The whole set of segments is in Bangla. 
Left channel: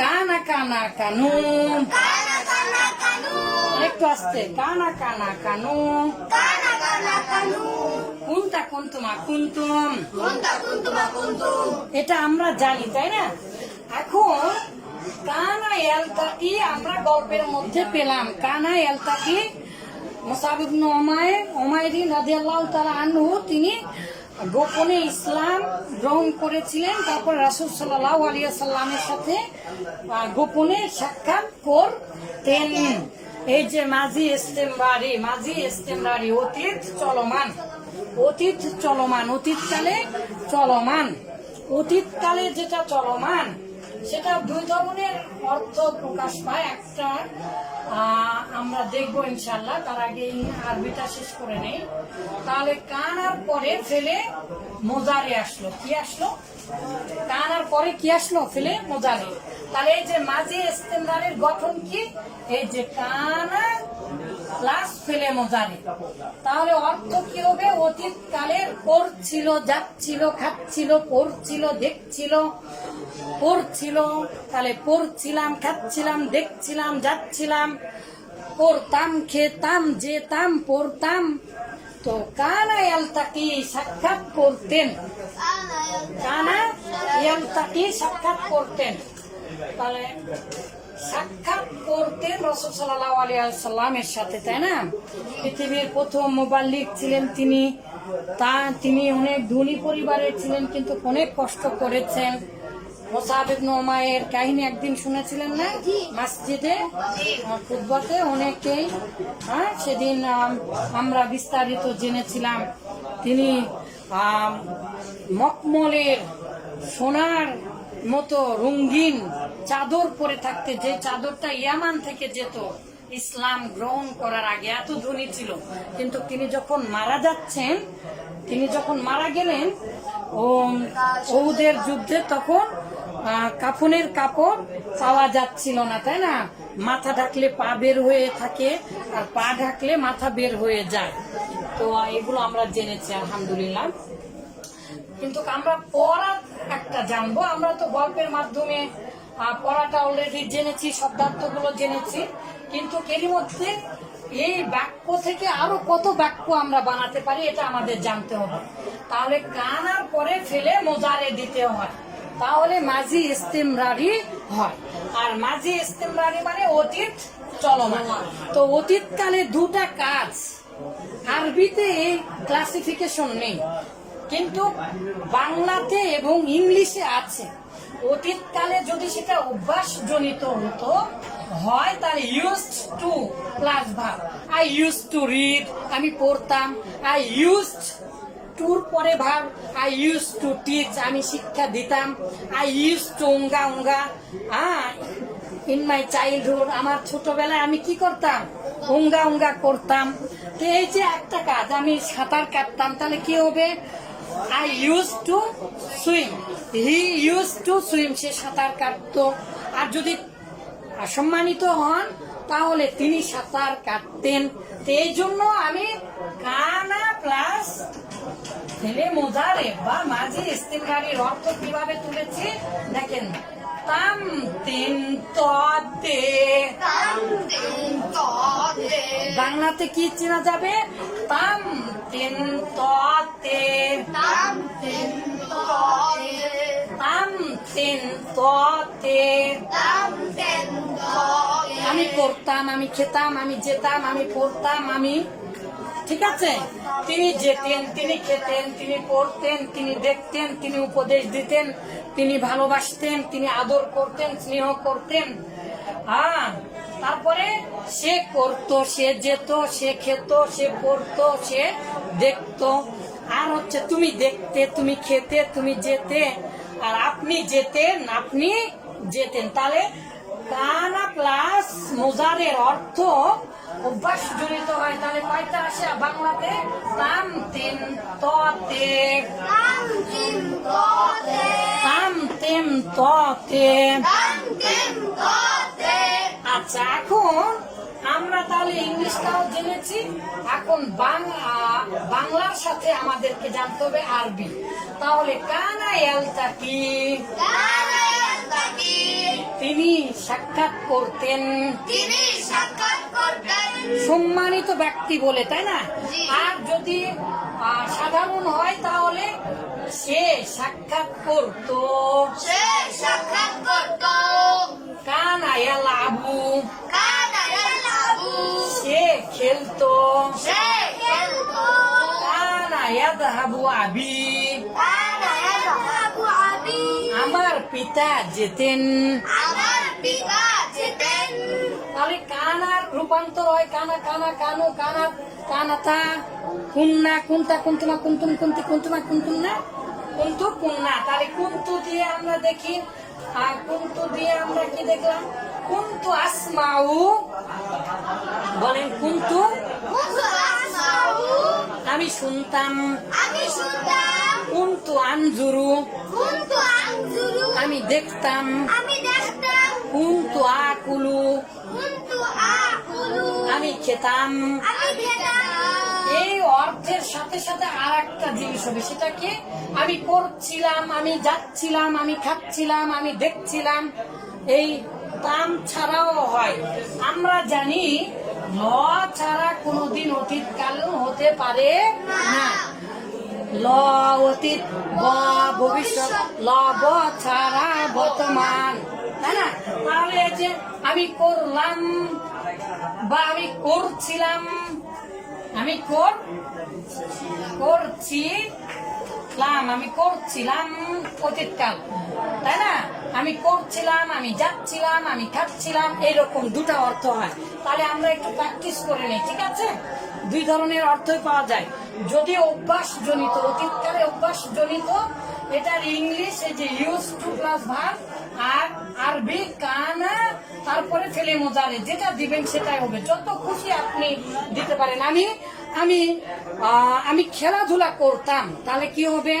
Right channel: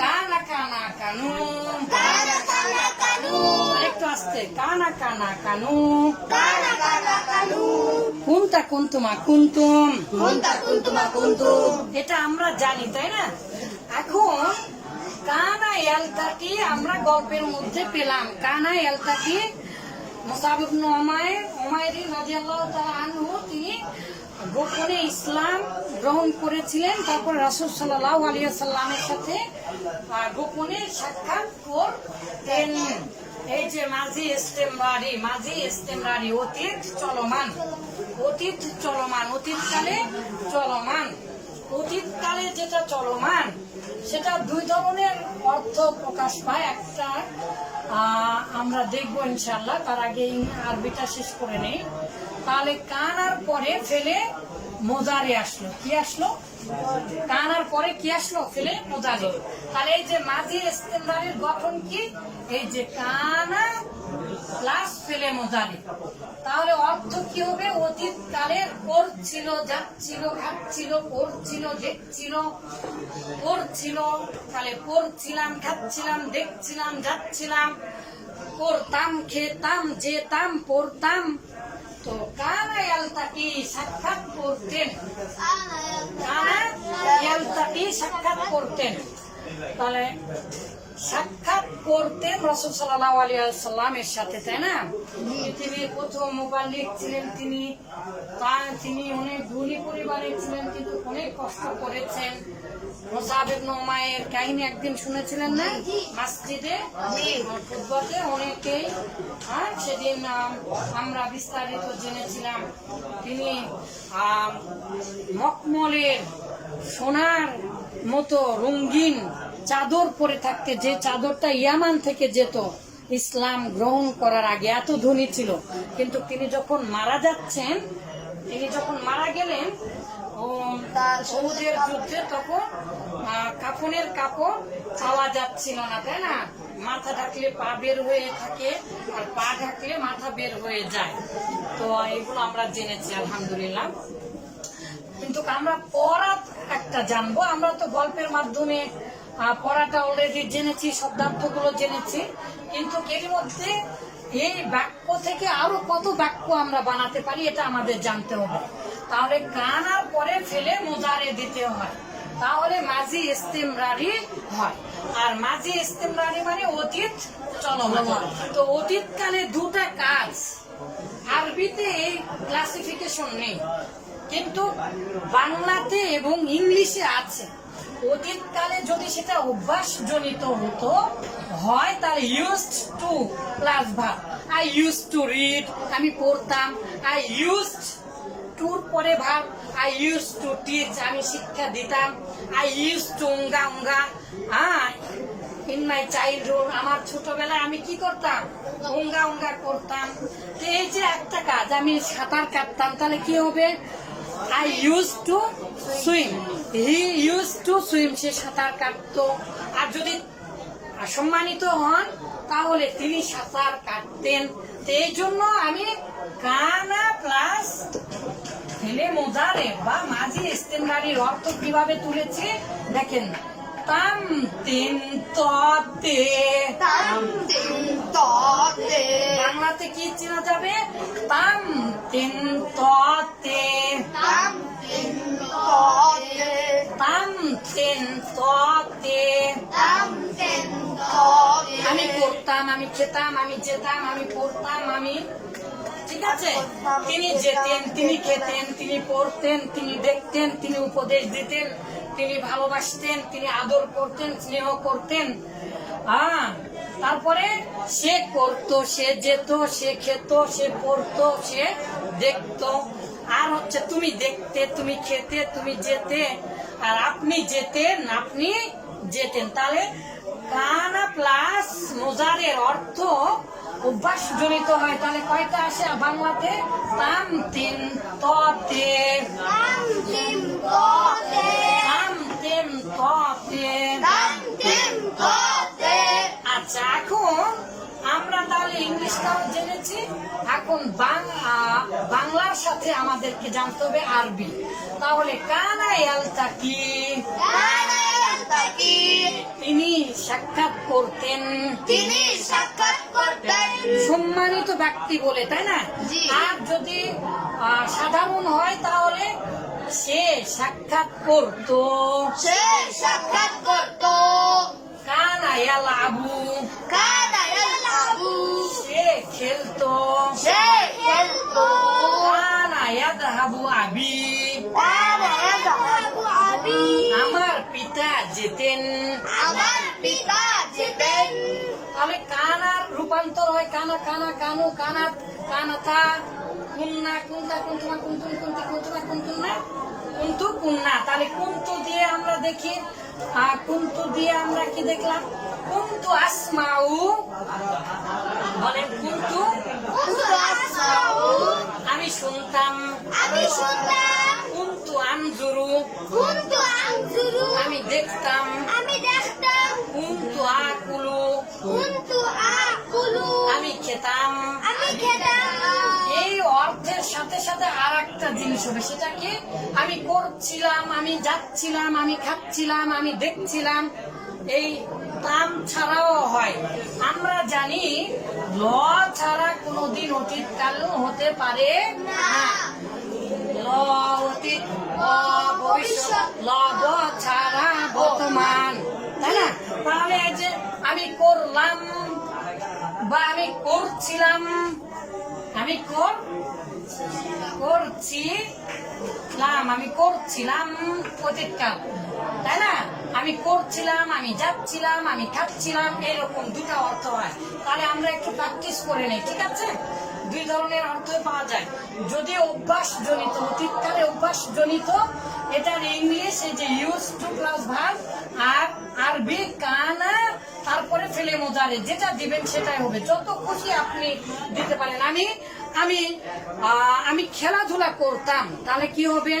কানা কানা কানু। একটু আসতে। কানা কানা কানু। কুন্তা কুন্তুমা কুন্তুম? এটা আমরা জানি, তাই না? এখন কানা এলতাটি আমরা গল্পের মধ্যে পেলাম। কানা এলতাটি মোসাবিবনু ওমায়ের ওমায়েরি রাজিয়াল্লাহ তারা আনহু, তিনি গোপনে ইসলাম গ্রহণ করেছিলেন, তারপর রাসুল সাল্লাহ আলিয়া সাল্লামের সাথে গোপনে সাক্ষাৎ করতেন। এই যে মাঝি ইস্তেমবাড়ি মাঝি ইস্তেমবাড়ি অতীত চলমান অতীত চলমান, অতীতকালে চলমান, অতীতকালে যেটা চলমান, সেটা দুই ধরনের অর্থ প্রকাশ পায়। একটা আমরা দেখব ইনশাল্লাহ তার আগে আরবিটা শেষ করে নেই। তাহলে কানার পরে ফেলে মোজারে আসলো। কি আসলো? কানার পরে কি আসলো? ফেলে মোজারে। তাহলে এই যে মাঝি ইস্তেমদারের গঠন কি? এই যে কানা প্লাস ফেলে মোজারে। তাহলে অর্থ কি হবে? অতীত কালের করছিল যাচ্ছিল খাচ্ছিল পড়ছিল দেখছিল পড়ছিল তাহলে পড়ছিলাম খাচ্ছিলাম দেখছিলাম যাচ্ছিলাম পড়তাম খেতাম যেতাম পড়তাম তো কানা এলতাকি সাক্ষাৎ করতেন। কানা এলতাকি সাক্ষাৎ করতেন। তাহলে সাক্ষাৎ করতেন রসুল সাল্লাহ আলিয়া সাল্লামের সাথে, তাই না? পৃথিবীর প্রথম মোবাল্লিক ছিলেন তিনি। তা তিনি অনেক ধনী পরিবারের ছিলেন, কিন্তু অনেক কষ্ট করেছেন। মোসাহিব নোমায়ের কাহিনী একদিন শুনেছিলেন না? মসজিদে ফুটবতে অনেকেই হ্যাঁ সেদিন আমরা বিস্তারিত জেনেছিলাম। তিনি মকমলের সোনার মতো রঙ্গিন চাদর পরে থাকতে, যে চাদরটা ইয়ামান থেকে যেত, ইসলাম গ্রহণ করার আগে এত ধনী ছিল। কিন্তু তিনি যখন মারা যাচ্ছেন, তিনি যখন মারা গেলেন ও ওদের যুদ্ধে তখন কাফনের কাপড় পাওয়া যাচ্ছিল না, তাই না? মাথা ঢাকলে পা বের হয়ে থাকে, আর পা ঢাকলে মাথা বের হয়ে যায়। তো এগুলো আমরা জেনেছি, আলহামদুলিল্লাহ। কিন্তু আমরা পড়া একটা জানব। আমরা তো গল্পের মাধ্যমে পড়াটা অলরেডি জেনেছি, শব্দার্থগুলো জেনেছি। কিন্তু এর মধ্যে এই বাক্য থেকে আরও কত বাক্য আমরা বানাতে পারি, এটা আমাদের জানতে হবে। তাহলে কানার পরে ফেলে মোজারে দিতে হয়। তাহলে মাঝি ইস্তেমরারি হয়। আর মাঝি ইস্তেমরারি মানে অতীত চলমান। তো অতীতকালে দুটা কাজ। আরবিতে এই ক্লাসিফিকেশন নেই। কিন্তু বাংলাতে এবং ইংলিশে আছে। অতীতকালে যদি সেটা অভ্যাস জনিত হতো, হয় তার ইউজ টু প্লাস ভাব আই ইউজ টু রিড আমি পড়তাম। আই ইউজ টুর পরে ভাব আই ইউজ টু টিচ আমি শিক্ষা দিতাম। আই ইউজ টু উঙ্গা উঙ্গা হ্যাঁ ইন মাই চাইল্ডহুড আমার ছোটবেলায় আমি কি করতাম? উঙ্গা উঙ্গা করতাম। এই যে একটা কাজ, আমি সাঁতার কাটতাম, তাহলে কি হবে? I use to swim he use to swim সে সাঁতার কাটতো। আর যদি সম্মানিত হন, তাহলে তিনি সাঁতার কাটতেন। এই জন্য আমি কানা ছেলে মোজারে বা মাঝি ইস্তেমরারির অর্থ কীভাবে তুলেছি? দেখেন। তাম তিন ততে। বাংলাতে কি চেনা যাবে? তাম তিন তে তাম তিন তে আমি পড়তাম আমি খেতাম আমি যেতাম আমি পড়তাম আমি ঠিক আছে? তিনি যেতেন, তিনি খেতেন, তিনি পড়তেন, তিনি দেখতেন, তিনি উপদেশ দিতেন, তিনি ভালোবাসতেন, তিনি আদর করতেন, স্নেহ করতেন। হ্যাঁ তারপরে সে করতো, সে যেত, সে খেত, সে পড়তো, সে দেখতো। আর হচ্ছে তুমি দেখতে, তুমি খেতে, তুমি যেতে, আর আপনি যেতেন আপনি যেতেন। তাহলে কানা প্লাস মোজারের অর্থ অভ্যাস জনিত হয়। তাহলে কয়টা আসে বাংলাতে? তাম তিন ততে। তাম তিন ততে। আচ্ছা এখন আমরা তাহলে ইংলিশটাও জেনেছি। এখন বাংলার সাথে আমাদেরকে জানতে হবে আরবি। তাহলে কানা এলতা কি? সাক্ষাৎ করতেন। তিনি সাক্ষাৎ করতেন। সম্মানিত ব্যক্তি বলে তাই না? আর যদি সাধারণ হয় তাহলে সে সাক্ষাৎ করত। সে সাক্ষাৎ করত। কানা আবু। কানা সে খেলতো। সে খেলত। কানা ইয়াদহাবু আবি। পিতা যেতেন। আমার পিতা যেতেন। তাহলে কানার রূপান্তর হয় কানা কানা কানু কানা কানাতা কুন্না কুন্তা কুন্তুনা কুন্তুন কুন্তি কুন্তুনা কুন্তুনা কুন্তু কুন্না। তাহলে কুন্তু দিয়ে আমরা দেখি আহ, কুন্তু দিয়ে আমরা কি দেখলাম? কুন্তু আসমাউ বলেন কুন্তু। আমি শুনতাম। আমি শুনতাম। কুন্তু আনজুরু কুন্তু আনজুরু আমি দেখতাম। আমি দেখতাম। কুন্তু আকুলু। কুন্তু আকুলু। আমি খেতাম। আমি খেতাম। এই অর্থের সাথে সাথে আর একটা জিনিস হবে সেটা কি? আমি করছিলাম আমি যাচ্ছিলাম আমি খাচ্ছিলাম আমি দেখছিলাম। এই তাম ছাড়াও হয়। আমরা জানি ল ছাড়া কোনোদিন অতীতকালও হতে পারে না। ল অতীত ব ভবিষ্যৎ ল ব ছাড়া বর্তমান। তাই না? তাহলে যে আমি করলাম, বা আমি করছিলাম, আমি কর করছিলাম, আমি করছিলাম অতীতকাল তাই না? আমি করছিলাম, আমি যাচ্ছিলাম, আমি থাকছিলাম, এরকম দুটা অর্থ হয়। তাহলে আমরা একটু প্র্যাকটিস করে নিই, ঠিক আছে? দুই ধরনের অর্থ পাওয়া যায়। যদি অভ্যাস জনিত অতীতকালে অভ্যাস জনিত এটার ইংলিশ এই যে ইউজ টু প্লাস ভার আর আরবি কানা তারপরে ফেলে মোজারে যেটা দিবেন সেটাই হবে। যত খুশি আপনি দিতে পারেন। আমি আমি আমি খেলাধুলা করতাম তাহলে কি হবে?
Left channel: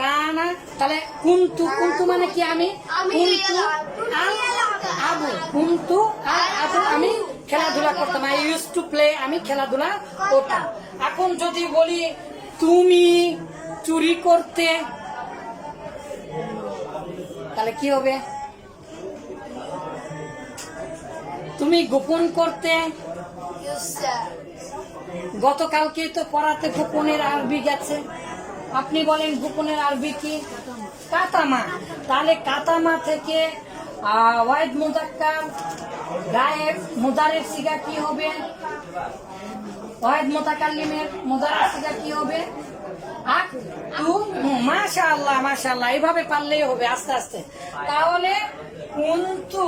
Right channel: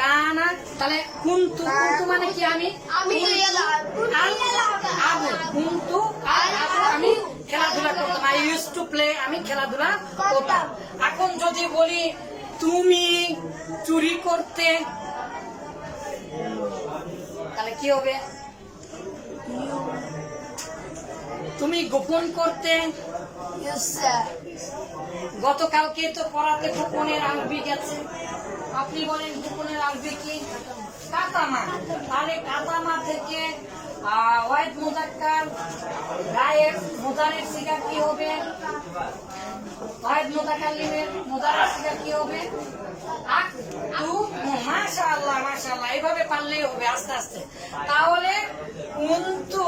কানা তাহলে কুন্তু কুন্তু মানে কি আমি? আমি কুন্তু আর আবু কুন্তু আর আবু আমি খেলাধুলা করতাম। আই ইউজ টু প্লে আমি খেলাধুলা করতাম। এখন যদি বলি তুমি চুরি করতে তাহলে কি হবে? তুমি গোপন করতে গতকালকে তো পড়াতে গোপনের আরবি গেছে। আপনি বলেন গোপনের আরবি কি? কাতামা। তাহলে কাতামা থেকে আহ, ওয়াইড মুজাক্কার গায়ের মুদারের সিগা কি হবে? ওয়াইড মুতাকাল্লিমের মুদারের সিগা কি হবে? আক তু মাশাআল্লাহ মাশাআল্লাহ। এইভাবে পারলেই হবে আস্তে আস্তে। তাহলে কুন্তু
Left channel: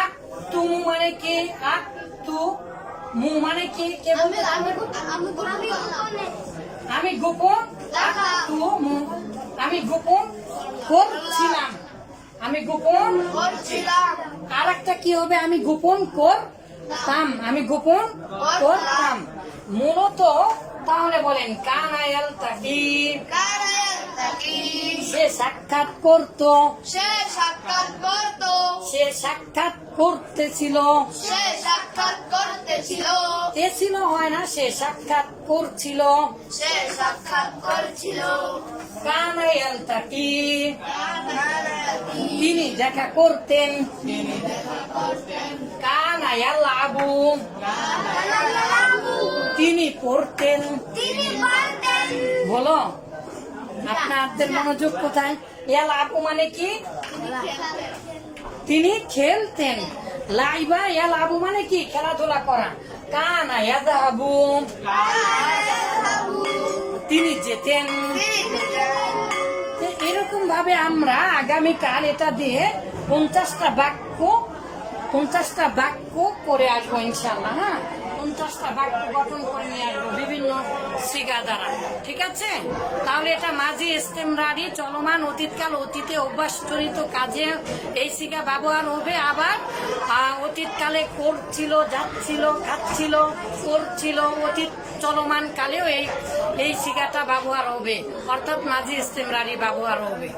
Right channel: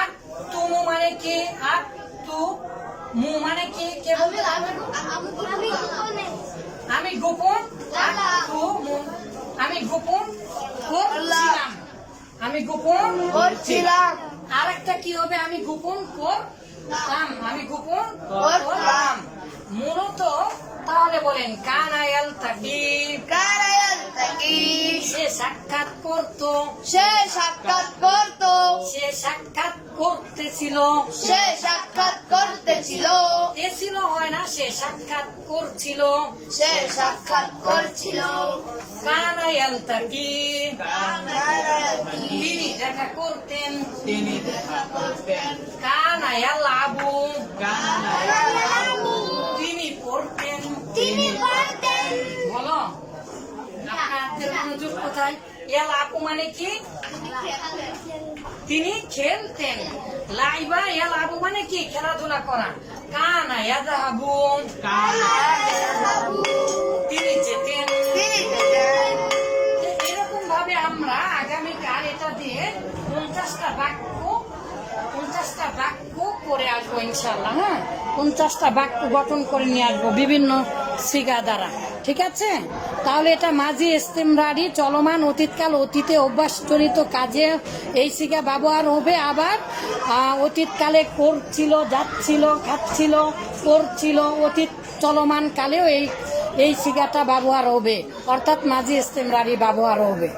আক তুমু মানে কি? আক তু মু মানে কি? কে বলবে? আমি গোপন। আক তু মু। আমি গোপন করছিলাম। আমি গোপন করছিলাম। আর একটা কি হবে? আমি গোপন করতাম। আমি গোপন করতাম। মূলত তাহলে বলেন কানায়াল তাকি তাকি সে সাক্ষাৎ করতো। সে সাক্ষাৎ করত। সে সাক্ষাৎ করতেছিল। সে সাক্ষাৎ করতেছিল। ছিল হয় না সে সাক্ষাৎ করছিল। সে সাক্ষাৎ করছিল। কানায়াল তাকি তিনি দেখা করতেন। কানায়াল আবু তিনি পড়তেন। তিনি বলো। আপনাদের মনোযোগ কোথায়? এল আপু মানে কি? তিনি খেলতেন। লাইবা এল আবু মানে কি? খেলাধুলা করা। কানা আবু তিনি যেতেন। এরকম ভাবে আমরা আগামীকাল এটা দিয়ে পঞ্চাশটা বাক্য পঞ্চাশটা বাক্য করে আসব ইনশাল্লাহ হ্যাঁ? পঞ্চাশটা বাক্য গঠন করে নিয়ে আসব, বিভিন্ন সিগা দ্বারা। ঠিক আছে? তাহলে এটা মাঝি ইস্তেমরারি চলমান, অতীতকাল, অতীতে অভ্যাসজনিত কাজে এই সিগা ব্যবহার হবে। আবার অতীতকালে করছিল যাচ্ছিল খাচ্ছিল করছিল অতীত চলমান কালেও এই এই সিগাটা ব্যবহার হবে। অর্থাৎ মাঝি ইস্তেমরারি ব্যবহার হবে।